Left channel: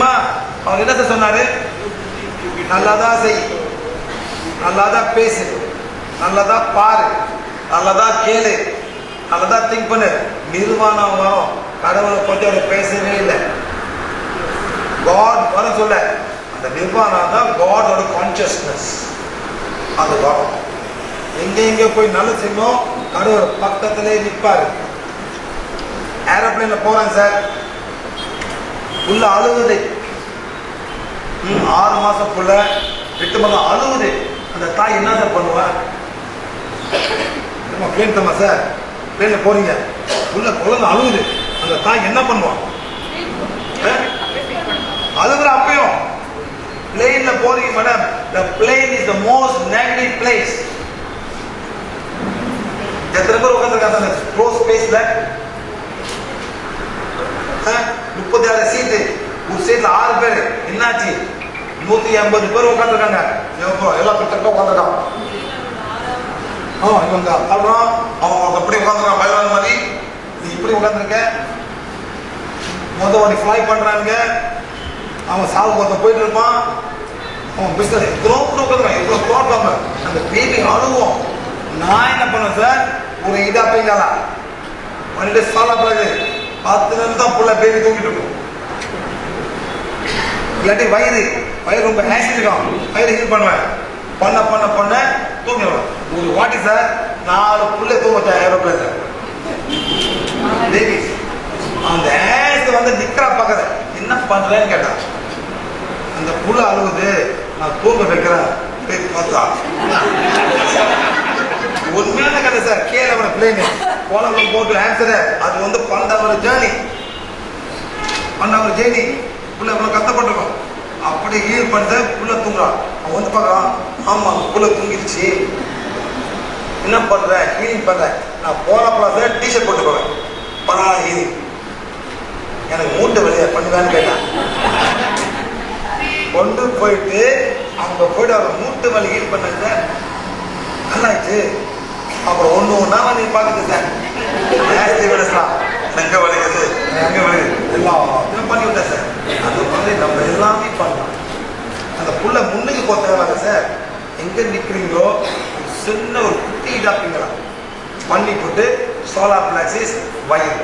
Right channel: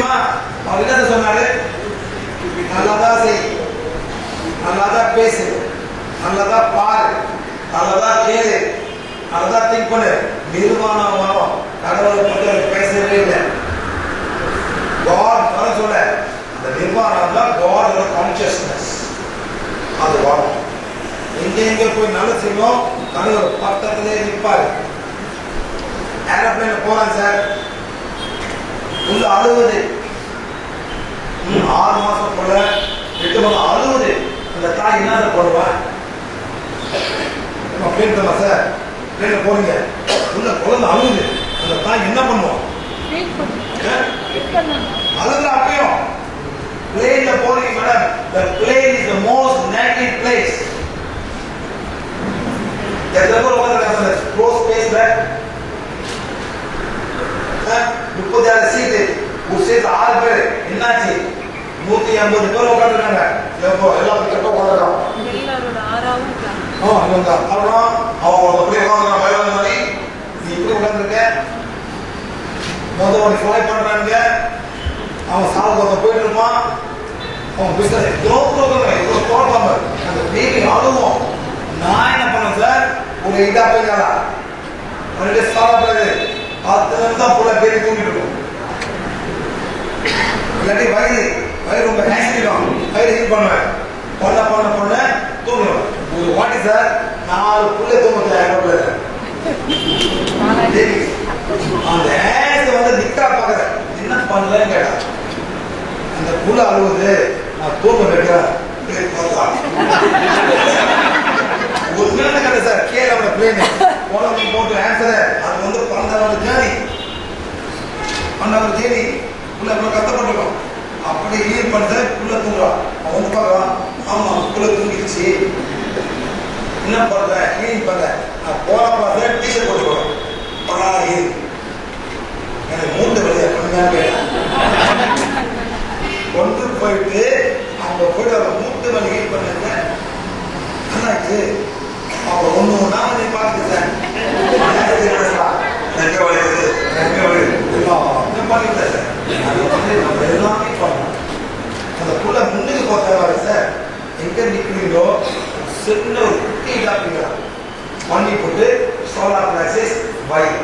தெரியுமா? அவர் என்ன சொன்னாரு? நல்லாதான் செய். நல்லாதான் பேசு. நல்லாதான் பாரு. நல்லதா கேளு. நல்லதா திங்க் பண்ணு. நிர்வாணம் கடவுளை பற்றி அவர் பேசவே இல்லை. காட் வர சொல்ல அந்த நிர்வாணம் தான் காடோட கான்சியஸ்னஸ் அது வரும் எங்க எங்க போய் நல்ல செய்யணும் கடவுள் பக்கத்திலே நிற்பாரு. ஏரோப்ளைன்ல போறேன் சார். உள்ள அழுவுது. ஆறு மாசம் புள்ள எட்டு மாதம் அழுவுது. அந்த தாய் என்ன சார் பண்ணுவேன் பிளேன் தம்மா சார். பிளேன்ல போறீங்க. உள்ள குழந்தை அழுவுது. அந்த தாய் என்ன பண்ணுவான் அஹ்? அழுகுற அப்பயும். பிளேன்ல போறீங்க madam the plane is the most negative place. எத்தனை பேர் உட்காந்துருக்காங்க க்ளோஸ் ஸ்பேஸ்ல முப்பத்தி ஆறு சீட்டு ஒரு சீட்ல ஆறு பேர். என்னாச்சு? நூத்தி ஐம்பது பேர் உட்காந்துருக்காங்க எல்லா பக்கம் உட்காந்துருக்கான் அப்புறம் அவன் எப்படி உட்காந்துருக்கான் வயலாங்க மாதிரி? நீ இப்படி உட்காந்துருக்க மொதல் வண்டி ஃப்ளை பண்றாங்க அவன் சாவு பார்த்த போயிட்டு இருப்பான். அவன் பிசினஸ் எவ்வளோ கொடுக்குறாங்க எவ்வளோ போடுறாங்க அந்த பேபி அழுவோம் நான் என்ன பண்ணேன் சார் ஒரு இதா போய் பண்ணிட்டு சாலா பிறகு பத்து தான் புள்ள பேபி தூங்கிட்டு இருக்கும். இல்லாட்டி வயிறு வயிறு ரொம்ப ஆக்சிட் இருக்கும். வயிறு ஹீட் பண்ணுவேன். பண்ண பண்ண பண்ண தூங்கிடுவேன். ஒரு வாட்டி சார் நாலு புள்ள தூங்க ஏரோப்ளேன் பேபி அந்த ஆக்ஸ் வந்து நிக்கிறா பக்கத்துல. என்ன பண்றேன்னு கேட்டான் அந்த புள்ள அழுவது நான் தூங்க வைக்கிறேன். பேபி பார்த்தா. உண்மையான கதை சார் கீழே அவனை பிளேன் கோலம் போட்டு ஆன்சர் அது வந்து பன்னெண்டாவது ஜேர்னி பன்னெண்டாவது ஜேர்னி புள்ள இவ்வளவு கஷ்டப்பட்டிருக்கோம். அப்படி ஹீல் பண்ணிட்டு புள்ள தூங்குறான். அவன் வந்து பார்க்கறான் ஆமா புள்ள தூங்கிடுச்சு. என்ன பண்ற? ஹீலிங் பண்ற. நான் போன பிளாஸ்ல டிஷர்ட் போட்டு பரா ஹீலிங் எனக்கு மூட்டை வெளியே பண்ணுதான்னு கேட்டான். கொண்டு போயிட்டு அவங்க போயிட்டு அவங்க மூட்டு வலி ஹீல் பண்ணாங்க நல்லாச்சு அப்புறம் ஒண்ணு ஒண்ணா நீ பார்த்துட்டு சார். எங்க வலிக்குது எங்க வலிக்குது எல்லாம் பண்ணிவிட்டேன் சார். அது வந்து நம்ம எல்லாமே பண்ணலாம். அந்த புள்ள முன்னுக்கு போகிறதால சார் எங்க நிக்கிறீங்களோ சின்ன ஒரு குட்டி டாப்பிங்களா பண்ணி போட்டு சோலார் பிளாக்சிஸ் வயிறு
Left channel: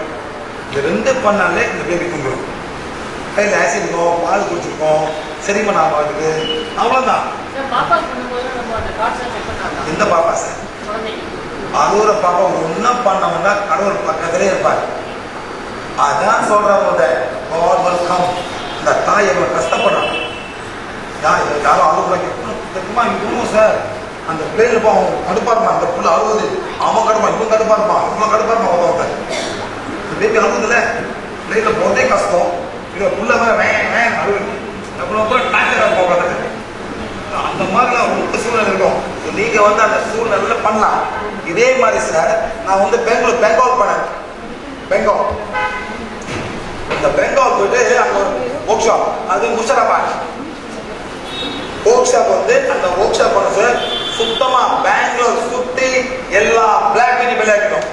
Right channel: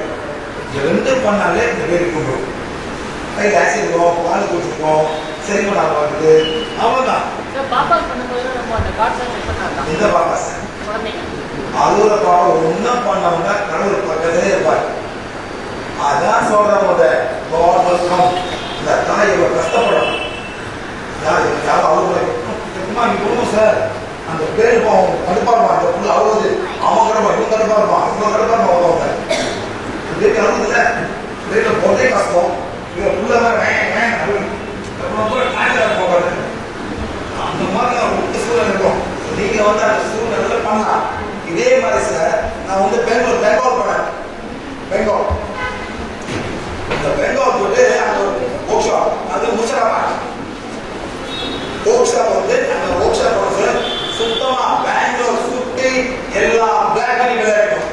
இது ரெண்டு பண்ணாலே இந்த பேபி கொண்டுரும் கையில் ஆசிட் இருக்கும் பால் அவ்வளோதான் நம்ம அந்த கார்ட்ஸ் செக் பண்ணாங்க இந்த பாப்பா சார். குழந்தைங்க அதுல பாப்பா ஒன்றும் பண்ணவங்க கடவுள் பக்கத்திலே இருப்பார். அதான் சொல்றவங்க கவர்மெண்ட் இந்த தாய் இவ்வளவு கஷ்டப்படுறாங்க நான் இதுக்காக அழுகுறேன் இவனும் சார் அந்த பேர் அவன் கடுப்பாருமா அந்த புள்ள அழுகுது அவன் கடுப்பா இவன் கடுப்பாருமா அவன் கடுப்பாருமா இருப்பான் அவங்க இந்த பேபி அழுகுதுல பிள்ளைகள் போதே கஷ்டம். இவன் புள்ள வேன் வேன் அழுகுது அப்புறம் போய் டாக்டர் போகாது அந்த மாதிரி ஒரு சூழ்நிலை இருக்கும். நீங்க வந்து அந்த சூழ்நிலையில பண்ணலாம். இதே மாதிரி சார் நான் வந்து பெங்களூர் பெங்கால் போனேன். பெங்கால் இந்த பெங்கால் போயிட்டு அங்கே ஒரு ஒர்க் ஷாப் அது முஷராபாத். ஒர்க் ஷாப் வந்து அந்த ஒர்க் ஷாப் வந்து சார் சுத்தமா பெங்களூர் சுத்தி எல்லா பிளாக் பண்ணி விளையாடணும்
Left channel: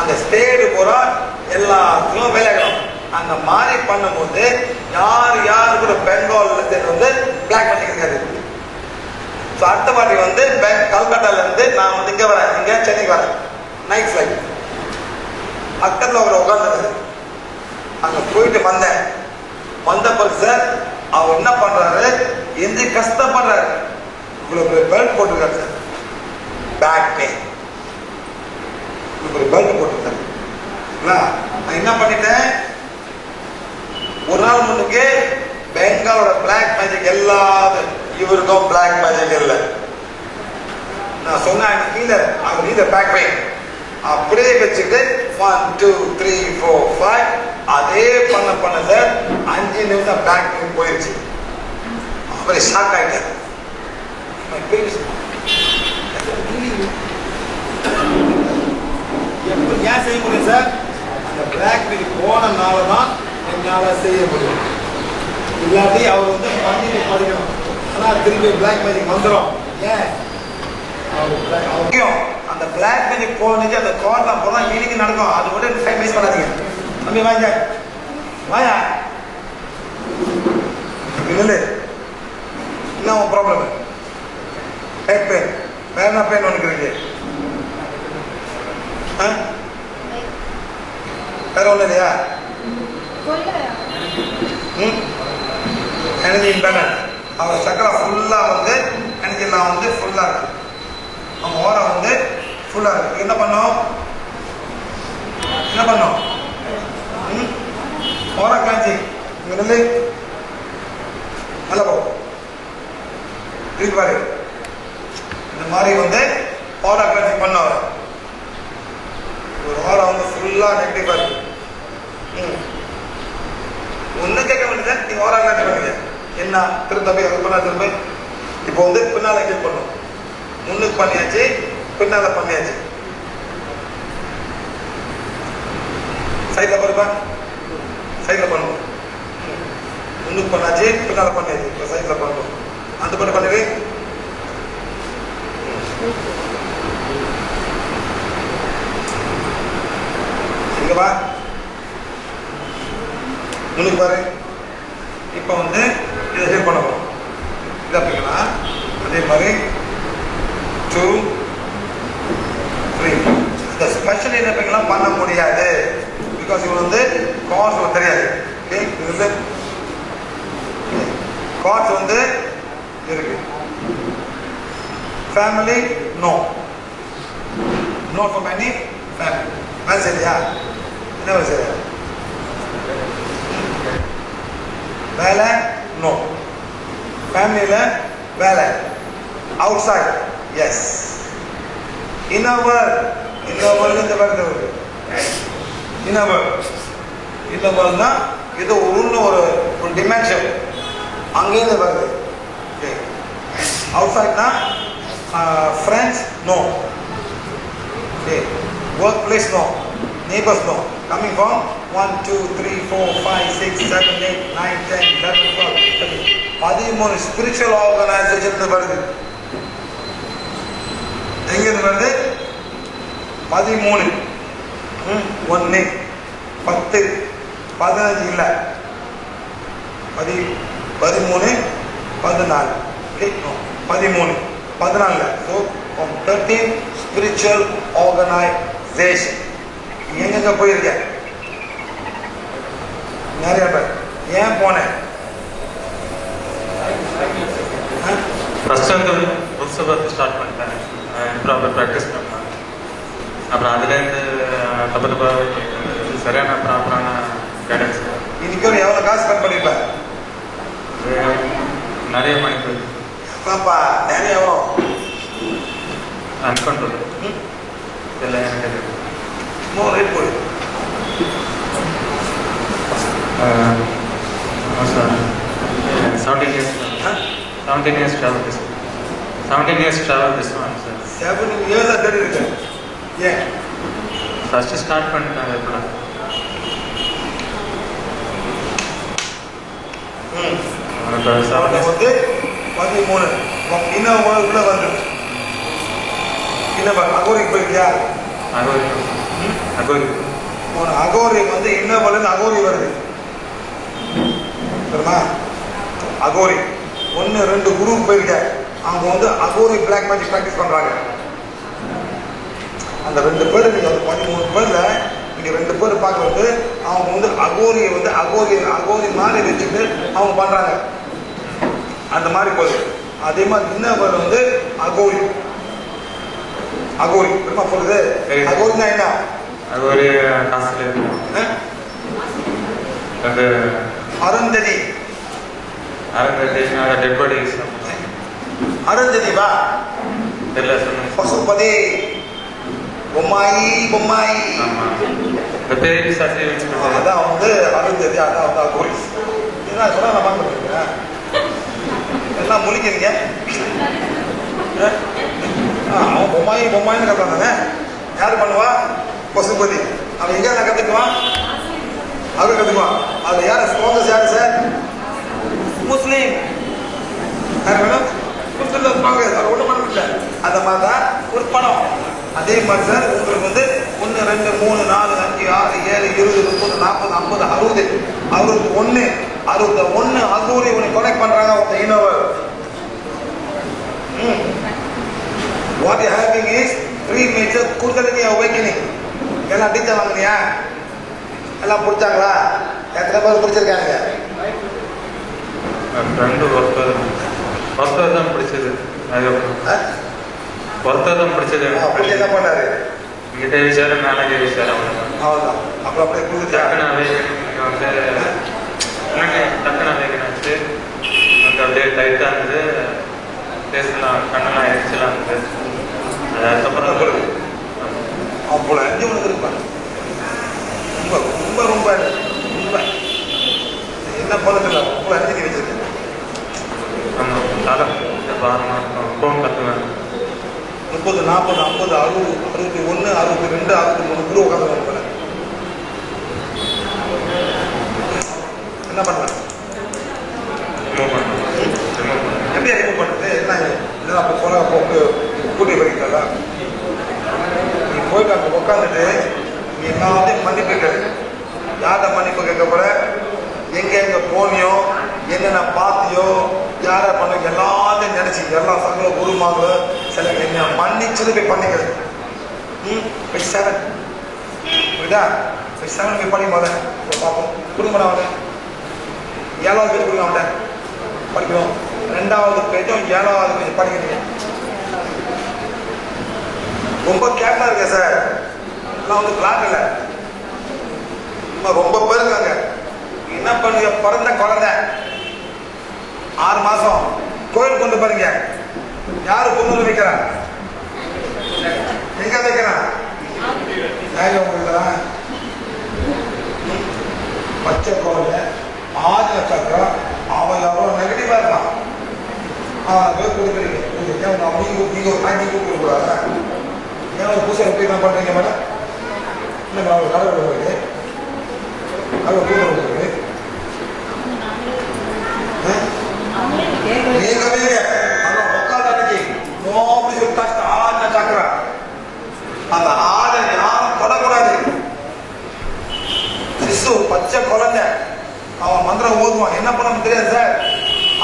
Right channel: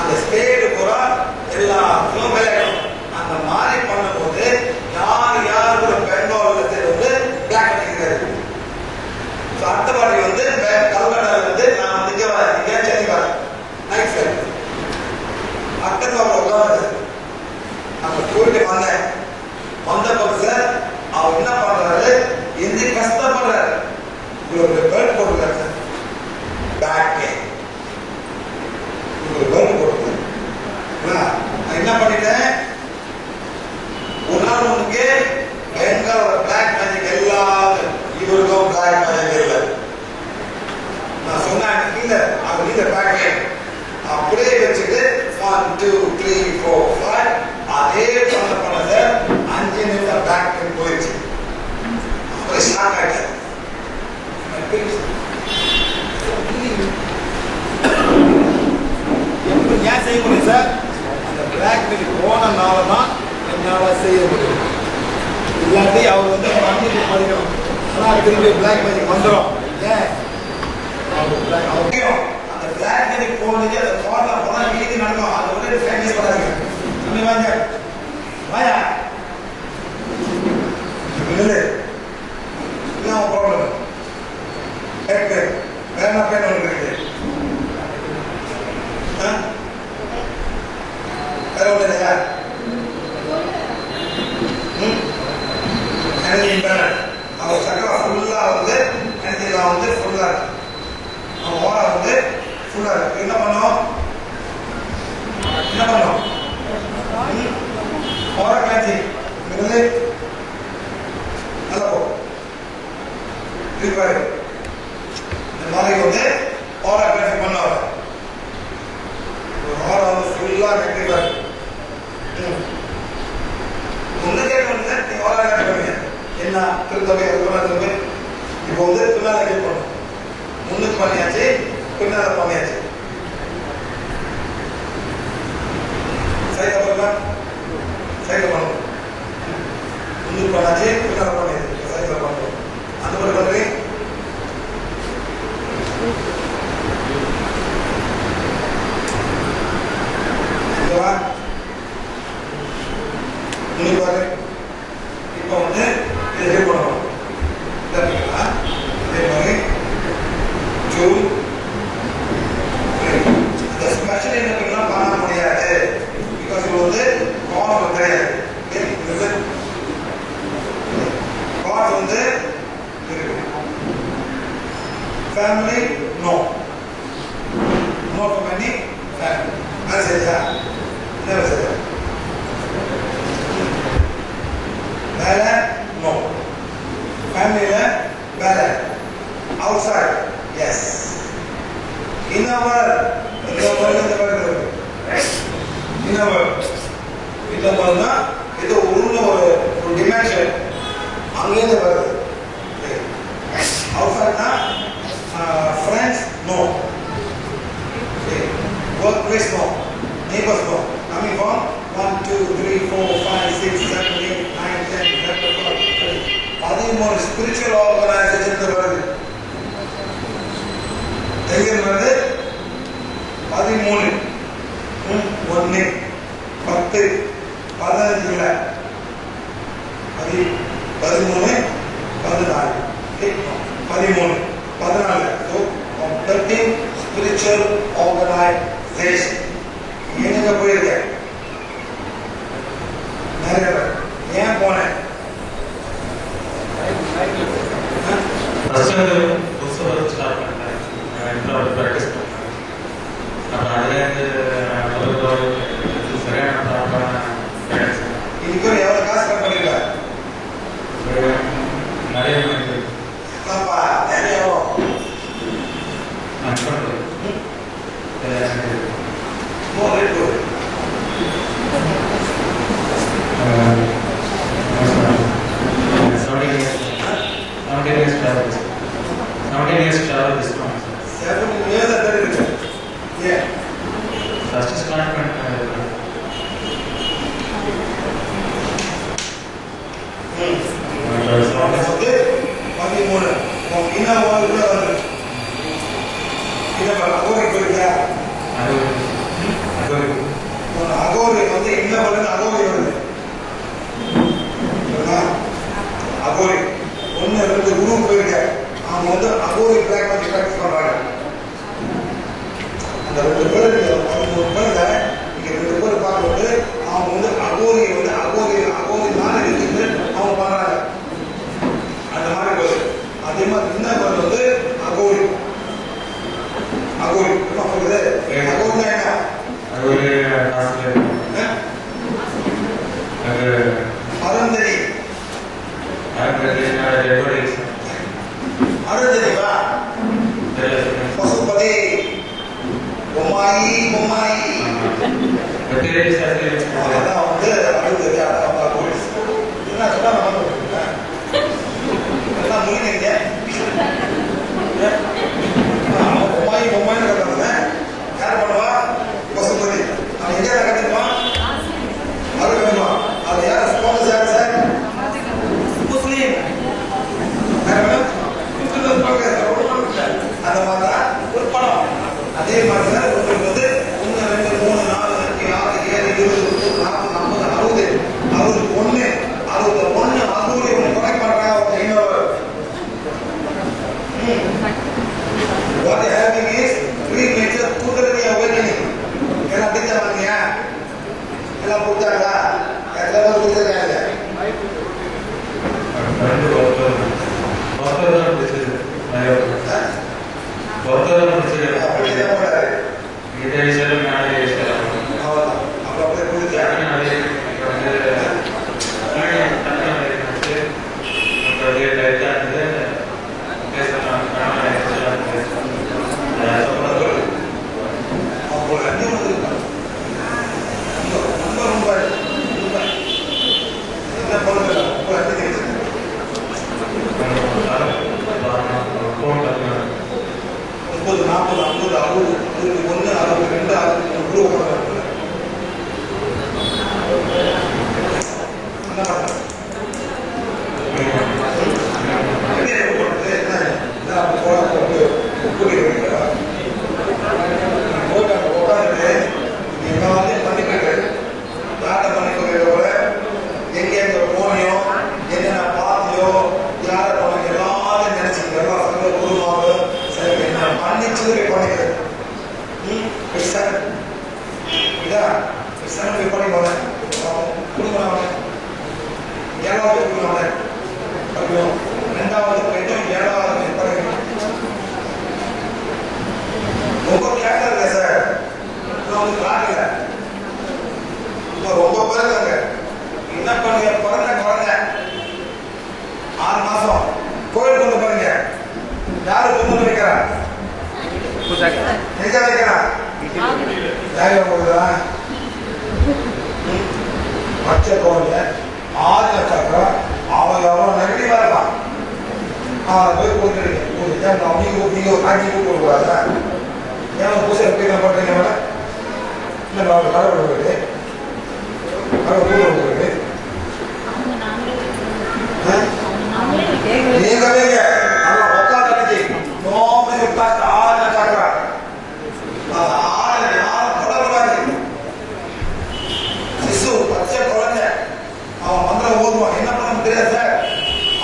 அந்த ஸ்டேட் பூரா எல்லாத்துக்கும் விளையாடணும் அந்த மாதிரி பண்ணும்போது யார் யார் கூட பெங்கால்ல வந்து பிளாக் பண்ணிக்கிறாரு ஸோ அடுத்த வாட்டி வந்து பேங்க் கல்கட்டாலேருந்து நான் வந்து இங்கே வரேன். இங்கே சென்னை வரேன். நைட் ஃப்ளைட் பக்கத்தில் அவர் உட்காந்துரு அங்கே போயிட்டு வந்தேன். வந்த பிறகு சார் அவர் என்ன பண்ணுறாரு எந்த கஷ்டப்படுறாரு? உங்களுக்கு பெல்ட் போட்டுருக்காரு சார் பேக் பெயின் உங்களுக்கு பெல்ட் போட்டுருக்காரு. நான் என்ன பண்ணிட்டேன்? ஒரு நாள் முன்னுக்கு பெங்காலோட பிளாக் மேஜிக் எல்லா இவருக்கும் பிளாக் மேஜிக் இல்லை. நான் சொன்னேன் கீழே அவர் கீழே பேக் பண்ணி அப்படியே வச்சுட்டு one two three four five அதே பண்ண பண்ணத அஞ்சு நிமிஷம் பேக் போயிடுச்சு. அப்புறம் ஷாக் ஆகிட்டார் எப்படி ஏன் செய்ய முடியும் சார் அந்த பிளாக் மெயில் போனனால தான் என்னால் செய்ய முடியும். இல்லாட்டி அவர் வந்து மண்ணில் படிக்கணும். ஆனால் திரும்பி பிளாக் மேஜிக் வந்துடும் ஏன்? அந்த பிளாக் மேஜிக் போனதுக்கு அந்த கோட்டை போனால் வீட்டுக்கு நடக்கும். அது விட டைம் வேஸ்ட் பண்ணாதீங்க. தம்பி வாங்க. வாயா? இல்லை என்ன ப்ராப்ளம் ஹெட் பெயின் வேற என்ன பெயின் உனக்கு இருக்கு ஆ? வேற ஒன்றும் இல்லையா ம் எனர்ஜி இம்பேலன்ஸ் அவர் சக்கரை ஃபுல்லாக வந்து எனர்ஜிலாம் வந்து ஃபுல்லாக இருக்கு அவங்க ஓரம் வந்து ஃபுல்லாக இருக்கு என்ன பண்ணோம் என்ன பண்ணோம் ம் ஓர கிளான்சிங் இங்கே நல்லா போ திருப்பி பாரு இந்த மாதிரி வந்து ஓர கிளான்சிங் பண்ணவர் ஒரு ஓரம் வந்து ஃபுல்லாக நெகட்டிவ் பாரு ம் ஒன்றும் கேட்க முடியல நீ ஓரா காட்ட பண்ணுங்க என்ன திரும்ப? போய் இப்போ வந்து பின்னால கேட் முன்னுக்கு பண்ணியாச்சு பின்னால பண்ணியாச்சு. சைதா பாருப்பா. சைதா பண்ணுவோம் முன்னுக்கு பண்ணாச்சு பின்னால பண்ணியாச்சு. இப்போ சைடில் பண்ணுவோம் அந்த பண்ணி பண்ணுங்க முன்னுக்கு பாரு. இப்போ வந்து இதை பண்ணணும் இது அப்படின்னா அதே மாதிரி டூ த்ரீ இந்த ஸ்பெஷல் என்ன பண்ணலாம் பண்ண முடியாது. பிகாஸ் இவங்க வந்து காஸ்ட் தெரியாது. ஓகே இது வந்து இருக்கு. Family no no for many family அது சரியா என்ன சரியா வேலை நோ ஃபேமிலியில் வேலை அவுட் சைட் எஸ் இன்னவர் இன்னவர் இந்த வேர்டு இருக்கு இன்னவர் இன்னவர்னா இது உள்ள ஒரு ஒரு டிமென்ஷன் அங்கேருந்து வருது அவுட் சைட்னா No. Okay. Workplace, no. neighbors no. Coming from 1, 2, 3, 4, 5, 6, 7, 8, 9, 10, 11, 12, 13. பதிமூணு ஸ்பிரிச்சுவல் ஆர்கனைசேஷன் வருது எங்கிருந்து வருது பதிமூணு ஒன்று பத்து பதினஞ்சு இல்லை பதி பதிமூணு பதினாலு பதிமூணு பதினாலு ஸோ தேர்ட்டீன் ஸ்பிரிச்சுவல் ஆர்கனைசேஷன் எங்கெங்க போயிருக்க நிறைய பேர் ஏன் போனேன் ஆ? ஃபர்ஸ்ட் வந்து புக்ஸை பார்த்து ஸ்டார்ட் பண்ணிட்டேன் ப்ராப்பர் ப்ராக்டிஸ் பண்ணேன் அப்புறம் அதுலேருந்து அப்புறம் இது சரியான ப்ராப்பரான கைடன்ஸ் இதுக்கு ஒரு எவ்வளோ காசு ஸ்பெண்ட் பண்ணிருப்பேன் நிறைய மணி பாப்பா நிறைய எவ்வளோ அன்கண்ட்ரோல் இதெல்லாம் எனக்கு தெரியும். மூணு ரேட் போடு ah, seventeen years ah? Seventeen years travel this seventeen years travel this one sir seven இயர்ஸாக தேடி இருக்கேன் ஏன் ஃபஸ்ட்டு ஸ்டார்ட் பண்ணிட்டேன் இப்போ ம் செவன் அவன் இயர்ஸ் வந்து பதிமூணு இன்னும் உள்ள வந்து இன்னும் அகோரிக்கு போயிருக்கியா? அகோரி. அகோரி. உன் அகோரி வந்து என்ன பண்ணுது அகோரி வருது? அகோரி. ஒன்று ரெண்டு குரு போயிருக்க. அவங்க வந்து அகோரி பிளாக் மேஜிக் ப்ராக்டிஸ் பண்றாங்க. அந்த ரெண்டு பேர் ஒரு பதிமூணு பேர்ல நீங்க ரெண்டு பேர் பார்க்கும்போது அவங்க வந்து அகோரியை வந்து அகோரி அகோரி மாதிரி வச்சுட்டு அவங்க பண்றாங்க. அந்த மாதிரி போகுது. அதே மாதிரி இன்னொரு வந்து அகோரி. அகோரி. என்ன சொல்லுது அகோரினா என்ன? அகோரி? அது அருந்ததி. அரங்கத்தி டெட் பாடிஸ் அருந்ததி வா தெரியல சொன்னேன் பசுபதி. பொம்மாயி பொம்மாயி. வெட்டரி சாசி அதான் வந்து அறுபது அதான் வந்து போலீஸ் என்ன சொன்னா பண்ணுறேன் எல்லாம் முழிக்கிறீங்க? அவன் பொம்மாயி பொம்மாயின்னு கட்டுறாங்க யார் பண்ணுவா பசுபதி அவன் எங்க நான் கத்துக்குவான் அவரு கத்துக்குவான் அவர் யார் ஸ்ட்ராங்கஸ் யார் சார் முஸ்லீம் யார் வேணும் முஸ்லீம் அவர் ஒன்றும் பண்ண முடியல அந்த மாதிரி தான் ஒரு படம் அதே மாதிரி சார் உங்களுக்கு வந்து ஒன்று ரெண்டு மூணு நாலு அஞ்சு ஆறு ஏழு இருபது முப்பது நாற்பது ஐம்பது அறுபது அறுபது ஒன்று அறுபது ஒன்று அறுபது ஒன்று கனெக்ட் பண்ணுறாங்க இன்னொரு what you having is three major kundalini awakening எல்லாம் டீச்சர் வாங்குறியா எல்லாம் பிடிச்சாங்களா எத்தனை பேர் பிடிச்சிருக்காங்க ரெண்டு ஒருத்தர் ஒருத்தர் தான் பிடிச்சது நிறைய ஒருத்தர் தான் பிடிச்சது அப்படி என்ன பண்ணாரு கிட்ட விஷயம் மேலே விஷயம் அவ்வளோதான் அப்புறம் அப்படியே பிடிச்சாங்க டக்குனு வந்து டக்குனு வச்சு எனக்கு அப்படியே டைட்டாக இருந்தது uh, நினைச்சு எல்லா சகல குருமாவ சில என்ன மன்னிச்சது போய் பண்ணிக்கிறது. ம் போய் செவன் புரியுதா? போய் செவன் போய் பண்ணி போத பார்ப்போம். குடும்பம் அவனை. ஏழாவது கொடுக்கணும் அவனை. படிக்கிறோம். ரெண்டாவது பேஜும் ஏழாவது பேர் படிக்கிறோம் ரொம்ப கேட்டா இருக்க சார் நான் வந்து பார்க்கல ரொம்ப பேர் இருக்காங்க என்ன பண்ணுங்க பிறந்த குழந்தை. ஆறு மாசம். கோயில் கொண்டு பாருங்க. யாரு வந்து வைக்கிறா? எங்க வைக்கிறா? பச்சை குழந்தை ஆதி நட்சத்திரம் அவன் எவ்வளவு நெகட்டிவா இருக்கான் அவனை போய் கொடுக்குறீங்க அவங்க நீங்க ஒரு காட்சி கூட்டு கூடாது? ஏன் பூசை எப்படி என்ன பண்றீங்க மேடம்? இல்லை நான் கடவுள் வருது கடவுள் கூட வருது நீங்க வைங்க அதான் உட்காந்து அன்னைக்கு நோம்பி விட்டா ஆன சக்கரா அந்த ஆடை யாரும் தொடக்கூடாது சிசு பச்சை குழந்தை அவன் மந்திரம் ஓதுவான் என்ன பண்ண தெரியாது சார்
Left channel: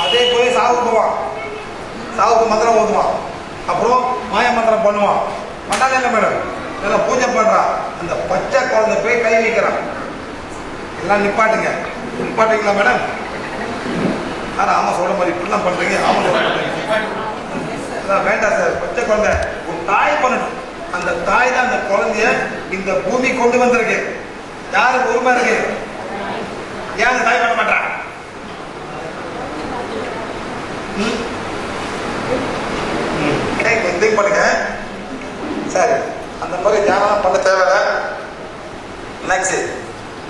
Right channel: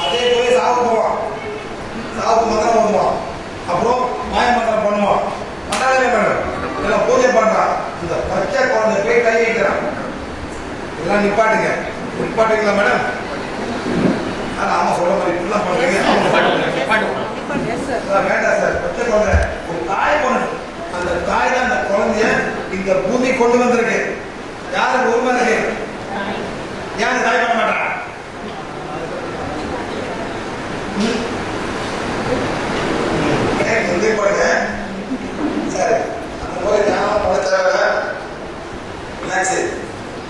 அதே போய் சாவு போவான். சாவுக்கு மந்திரம் ஓதுவான். அப்புறம் மாய மந்திரம் பண்ணுவான். பண்ணாதே மேடம் இல்லை பூஜை பண்ணுறான் இந்த பச்சை குழந்தை போய் கை வைக்கிறான். எல்லாம் நிப்பாட்டுங்க. நிப்பாட்டுங்களா மேடம் ஆனால் ஆமா சொல்ற மாதிரி இப்படிலாம் பண்ணுறீங்க ஆமா. வேண்டாம் சார் பச்சை குழந்தை ஒரு தாய் பண்ணணும். அந்த தாய் தான் அந்த குழந்தைய இந்த பூமி கொண்டு வந்திருக்கு. யாருக்கு உரிமை இருக்கு? ஏன் அந்த தாய் பண்ண மாட்டான் ஏன் பண்ணுங்க. சரி அந்த மாதிரி தியானம் பண்ண தேவை நெக்ஸ்ட்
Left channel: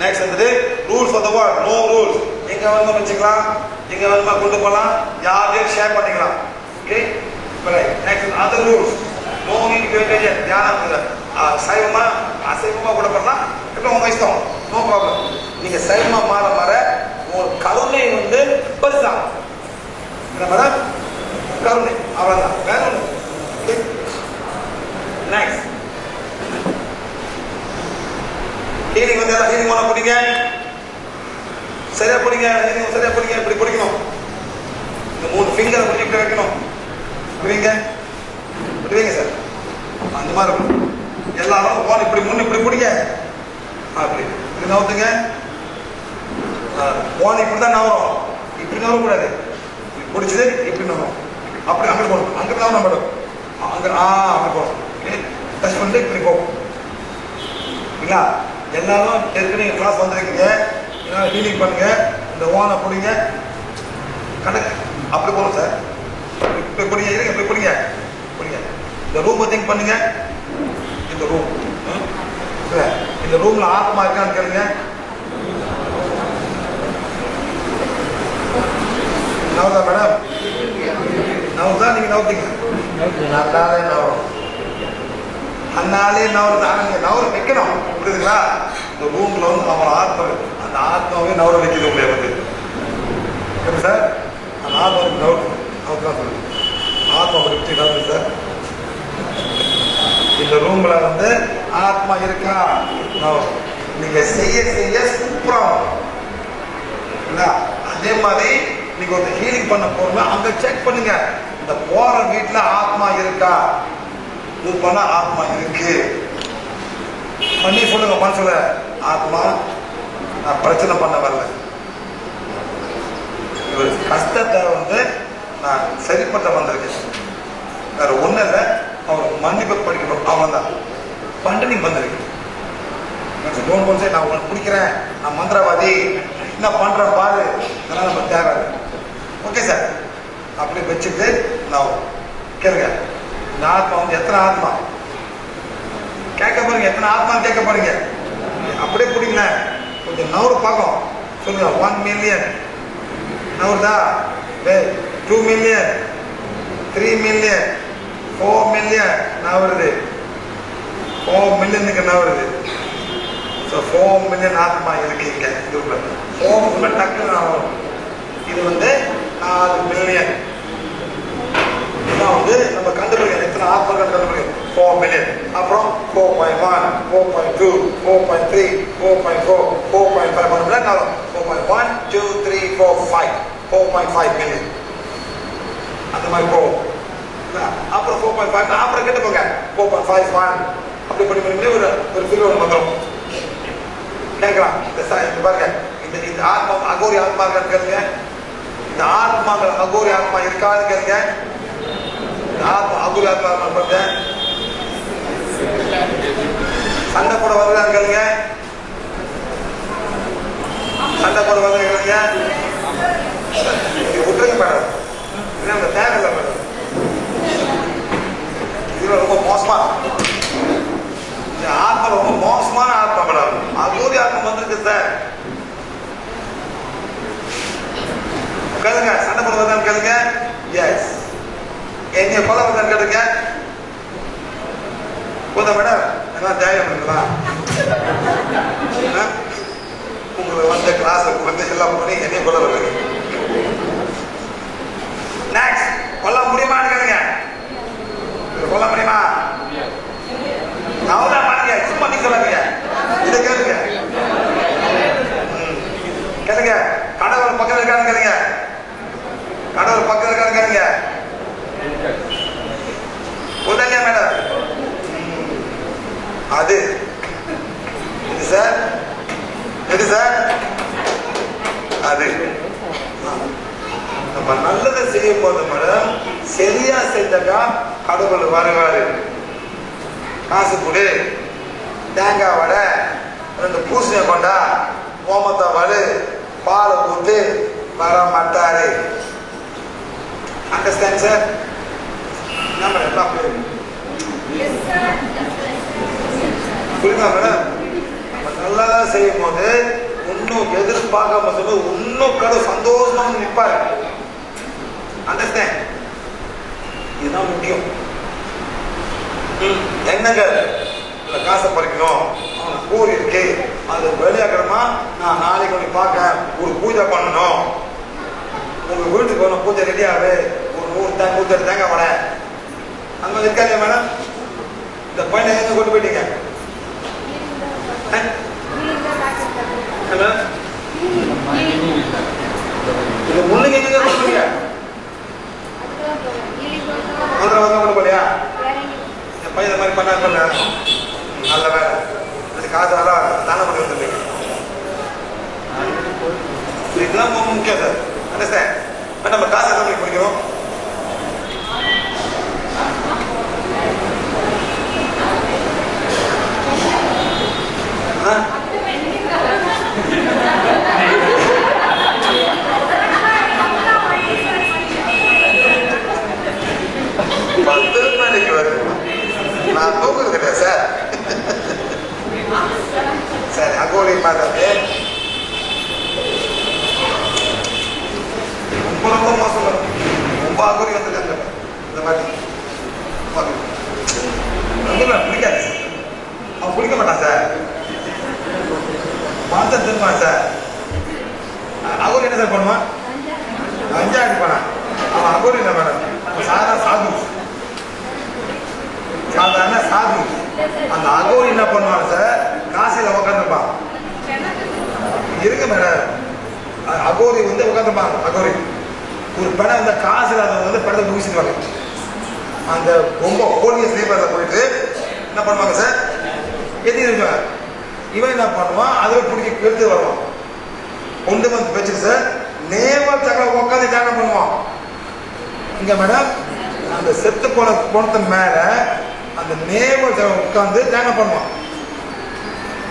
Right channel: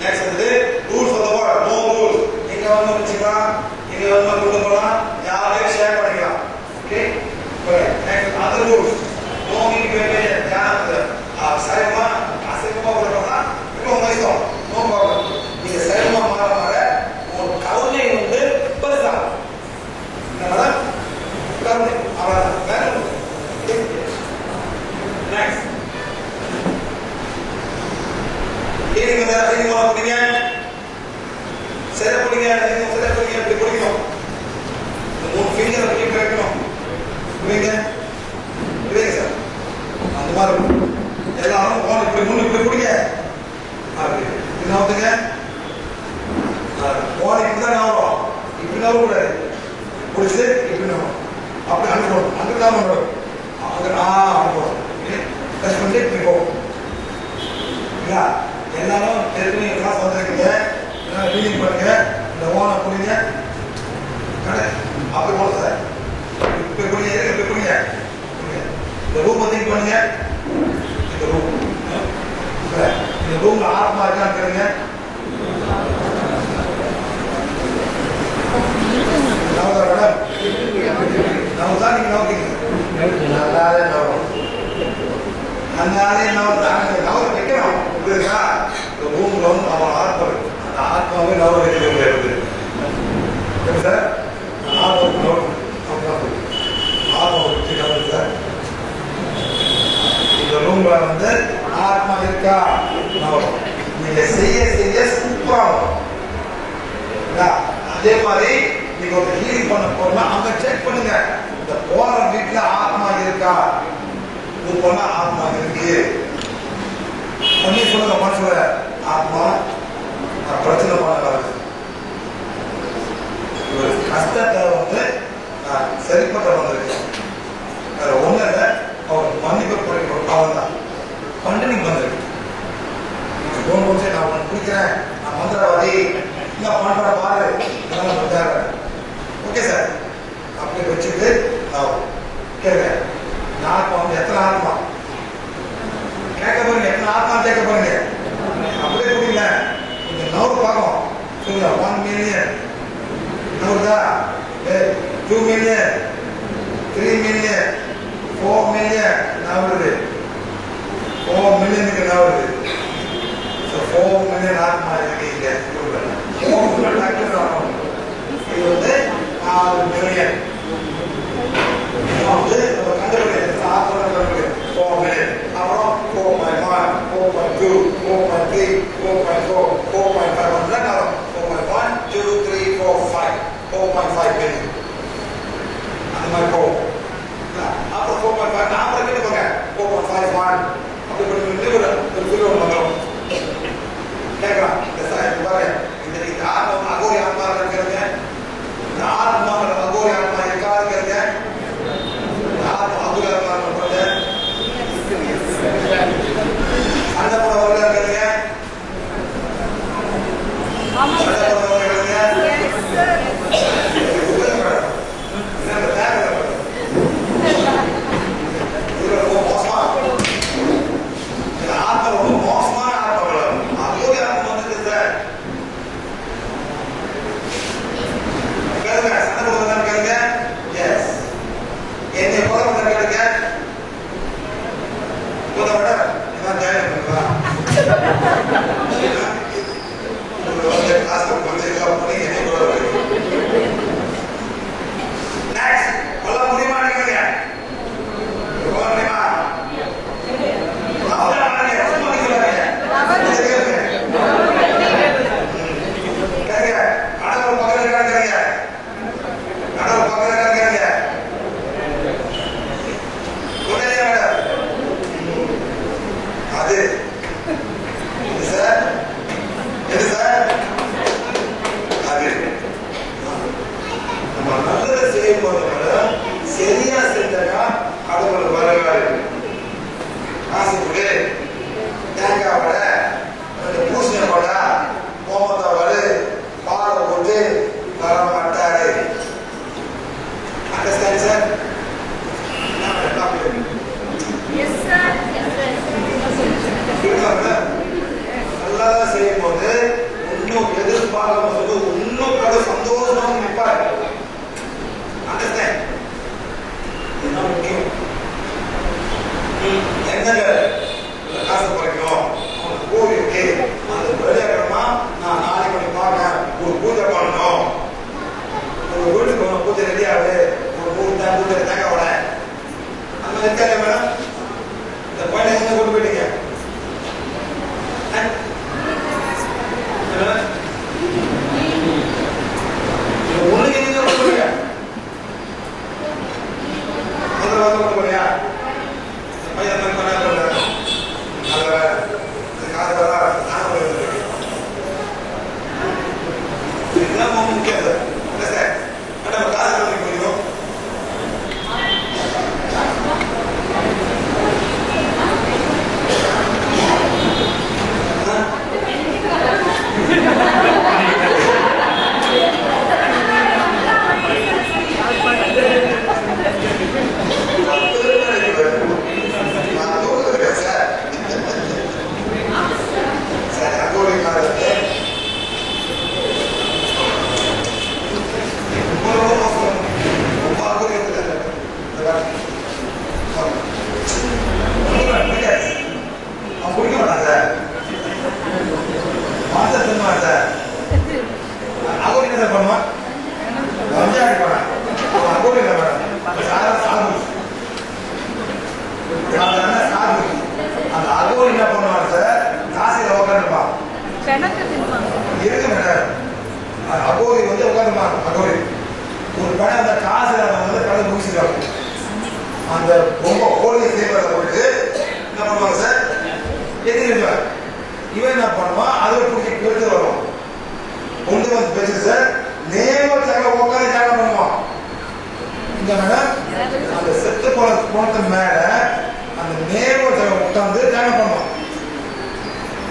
நெக்ஸ்ட் வந்துட்டு rules of the world no rules எங்க வந்து வச்சுக்கலாம் எங்க வந்து கொண்டு போகலாம் யாரையும் ஷேர் பண்ணிக்கலாம். Okay next other rules no need வேண்டிய தியானத்துல. சைவமா அசைவமா கூட பண்ணலாம். இப்போ உங்க இஷ்டம் நோ ப்ராப்ளம் நீங்க சைவமா மாற மாற உங்க கருணை வந்து பெருசாகும் என்ன மேடம் கருணை அவ்வளவுதான் வேற நெக்ஸ்ட் ஹீலிங் வந்து ஹீலிங் பண்ண பிடிங்க சரியா பிடிங்க நீங்க சரியா பிடிங்க இப்படி பிடிக்கணும் இந்த மூணு ஃபிங்கர் பிடி கிடைக்கணும் புரியுங்க புரியுங்க சார்? அந்த மாதிரி இருக்கும். எல்லாரும் போன் இப்படி மூணு இப்படி பிடிங்க அப்படி இப்படி நவுத்துங்க போன் இப்படி தான் நவரும் இப்படி நவரக்கூடாது பிடிச்சது இப்படி நவரும் அப்படி அங்கே போகணும். அங்கே தான் மேடம் அங்கே ஆ அப்படி போகணும். டச் பண்ணிட்டு இப்படி போகும் இல்லைங்களா எல்லாரும் ஏற்கனவே கிளாஸ் வந்திருக்கீங்க. எல்லாரும் ஃபீலிங் பண்ணுங்க. இந்த ஓனை பிடிங்க. கடை அப்படி போகணும் சார். இப்படி பிடிங்க இப்படி பிடிங்க. பிடிங்க. இந்த ரூமை திங்க் பண்ணுங்க. இந்த ரூம் இந்த ரூம்ல ஆத்மா இருக்கான்னு கேளுங்க. நவதா மேடம்? நவதா நீங்க நவத்தீங்க. நல்லாவே நவரும் அதனாலே நவர் தாங்க நவர் வைக்கணும். புரியுதுங்களா? இந்த ரூம்ல வந்து நம்ம ஆத்மா இருக்கு அந்த ஆத்மாவே நவர் வைக்க முடியாது சார் அந்த ஆத்மா ஆத்மா பற்றி தான் சார். இந்த ரூம்ல வந்து ஆத்மா இருக்கா? நவர் நீங்க செய்ய செய்ய சூப்பரா என்ன? அதே மாதிரி நீங்க ஒரு ஹீலிங் பண்ண போறோம்னா அங்க செக் பண்ணுங்க. இந்த போற வீட்டுல ஆத்மா இருக்கா? இது பண்ண ஆத்மா இருக்கு. பண்ணி சொல்லுங்க மனசுல. ஆத்மா நான் பிரச்சனை பண்ண வரல ஒரு கஷ்டத்தை வந்து நான் சரி பண்ண வந்திருக்கேன் வேற ஒண்ணு இல்லை. அவருக்கு மன்னிப்பு படிக்கணும் அவன் தான். பண்டனிங் வந்திருக்கேன் போன் கொஞ்சம் நான் உனக்கு பிடிக்கிறேன் நான் மந்திரவாதி. என்ன பண்ற பாரு. அதனால நம்ம தேவை ஓகே சார் அப்படி வச்சுட்டு நான் கேளுங்க. இந்த ஆத்மா வந்து எத்தனை ஆத்மா? கேட்க போறீங்க. எத்தனை ஆத்மா கேட்க போறீங்க? அப்படியே பிடிக்கல கொஞ்சம் நவரு பார்க்கும் சொல்லுங்க one million நவருதா two million three million four million நவருது four மில்லியனுக்கு நவருது ஸோ ஃபோர் மில்லியன் ஆத்மா இருக்கு இங்க ஃபோர் மில்லியன் டக்குன்னு இது வந்து நாலு மில்லியன் இதான் வந்து நம்ம கண்டுபிடிக்க எத்தனை ஆத்மாக்கள் கண்டுபிடிக்க? ஃபோர் மில்லியன் அப்புறம் four point one four point two four point three four point four four point five hundred ஆகும் four point one two three four five four point five million அந்த மாதிரி போகும் அப்புறம் ஃபோர் பாயிண்ட் ஃபைவ் அப்புறம் கிட்ட போங்க four point five one அப்படி பண்ணி பண்ணி ஒரு ஒரு பில்லு ஒன்று வந்துடும் கேட்கலாம் இந்த சா இந்த பாருங்க இந்த இந்த ஆத்மா அகோரி ஆத்மா இருக்கிறதுங்க இந்த ஆத்மாக்கள் அகோரி ஆத்மா இருக்காது கேளுங்க இந்த ஆத்மா அகோரி ஆத்மா பண்ணுங்க சண்டை போட இருக்காங்க. சண்டை போட இருக்காங்க தேவையில்லை இது ரொம்ப மோசமா இந்த ஆத்மா ரொம்ப மோசமான ஆத்மா மேடம் அகோரி ஆத்மா வந்துருக்கு சார் கேளுங்க சண்டை போட வருகிறாங்க கேளுங்க எஸ் என்னை கொலை பண்ண கேளுங்க போத மேடம் என்ன தைரியம் பண்ணுங்களா உங்களுக்கு வந்த கிளாஸுக்கு வந்து எல்லாம் பண்ணி என்னை கொலை வருது நெக்ஸ்ட் கொல்ல முடியுமான்னு கேளுங்க கொல்ல முடியுமா அவதான் பாருங்க சும்மா நீ சொல்லாங்க இதை கேளுங்க ம். கேளுங்க கடவுள் பக்கத்துல இருக்கான்னு கேளுங்க கடவுள் பக்கத்துல இருக்கான்னு கேளுங்க உடனே மேடம் அது. இது சார்? இது சார்? அது. நம்ம நல்லதை செய்யும் போது மேடம் சரியா செஞ்சா கடவுள் வரலாறு காசு கொடு. தேங்காய் வடை அந்த பூசணி கொண்டா கோமத்தா வடு பாலை போட்டு வர மாட்டாரு அண்டர்ஸ்டாண்ட் சார் என்ன மேடம் அப்படி இருக்கு? புரியுதா மேடம் நம்ம நல்லா செய்யும் போது இன்னும் எதிர்பார்க்காம சொல்லி இன்னும் கடவுள் சந்தோஷமா நிற்பாரு அண்டர்ஸ்டாண்ட் இதுதான் முக்கியம். என்னங்க? இந்த காசை பறிக்கணும். அவனுக்கு பூ இருக்கு அந்த வெளியாக்கணுமா நான் நாளைக்கு பண்ணி பார்க்க ஒரு பூஜை பண்ணணும். உங்க வீட்டுக்கு ஒன்று பூஜை ரெடி ஆகுது ஒரு நூறு பூஜை தேங்காய் வட அந்த மாதிரி மேடம்? இந்த பையனை எங்க கொண்டு போயிட்டீங்க? அஹ்? இது முன்னுக்கு எங்க கொண்டு போறீங்க முதல்ல வந்து போறியா? இந்த பையன் இந்த மாதிரி பண்ணா பண்ண நல்ல வேலை. அது காசு வர தானம் பண்ணி முக்கியம் சார் என்ன சார்? நம்ம காசு கம்மி பண்ணிக்கிறோம் பண்ணுவான் கஞ்சா அடிப்பானா அவன் போட்டு என்ன பண்ண சாதா சாகு சாதாரண சாகு அந்த அகோர் என்ன பண்ணுவான் சார்? காசில உட்காந்துருப்பான் இருக்கு மேடம். அகோரி வந்து உட்காந்துப்பா அகோரி. ஒரு படம் அந்த காசில வந்து படத்தை முடிச்சிருவாங்க அந்த ரொம்ப கோழியை செய்வாத போயிட்டு என்ன பண்ணுவாங்க சார்? எதிர்ப்பார் இவன் என்ன பண்ணுவான்? அதில் பிடிக்க கெடுத்து வரும் கொண்டு வந்து வச்சுட்டு சார் நேம தக உட்காந்து தியானம் பண்ணுவான். இங்க மேடம் அந்த செத்து போன போனத்தின் மேல அந்த நேம தக உட்காந்து தியானம் பண்ணுவான்.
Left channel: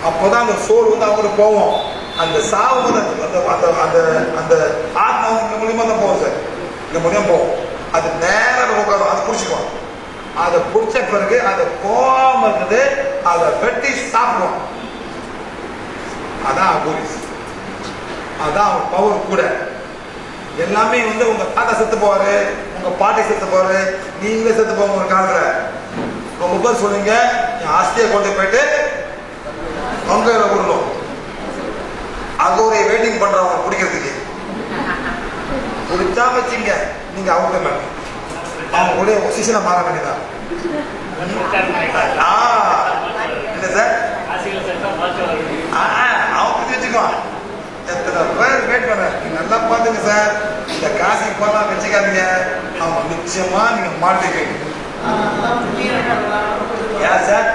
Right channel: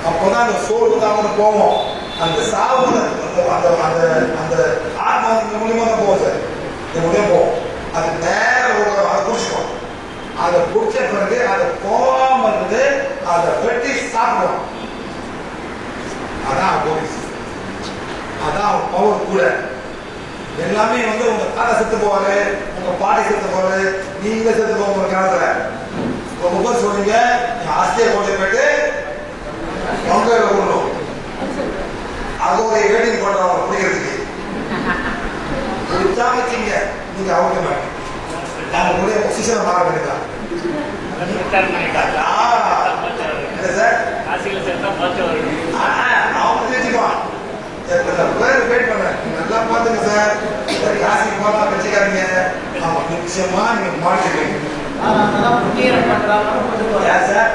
அப்போதான் அந்த சோறு வந்து அவங்க போவோம் அந்த சாவு வந்து அந்த அந்த அந்த அந்த ஆத்மா இந்த மூலியமா தான் போகும் சார். இந்த மூலியம் போகும். அது நேரம் உட்கார அதை பிடிச்சிக்கும் அதை பிடிச்ச பிறகு அதை போகாம இருந்தது அதை வெட்டி சாப்பிடுவோம் அதான் போலீஸ் அதான் அவங்க பவர் கூட. எல்லாமே வந்து உங்க தாத்தா செத்து போவாரு உங்க பாட்டி செத்து போவாரு நீங்களே செத்து போவாங்க ஒரு காலத்துல உங்க பேர் சொன்னீங்க. என் ஆஸ்தியை கொண்டு போயிட்டு அவங்க விடணும் அகோரை வெயிட்டிங் பண்றவங்க பிடிக்கிறதுக்கு. பிடிச்சா வச்சீங்க. நீங்க அவங்க மேல. அவங்க கூட பொசிஷனை மாற வேண்டியதா? இல்ல சார் அவங்க வச்சுக்குவான் பேர் வெயிட் பண்ண நீங்க நல்லா பாத்துங்க சார் இந்த காசுக்கு போலாம் வச்சுக்காதீங்க அவன் நிச்சயமா நீங்க மாட்டிருக்கீங்க ஏன் சார்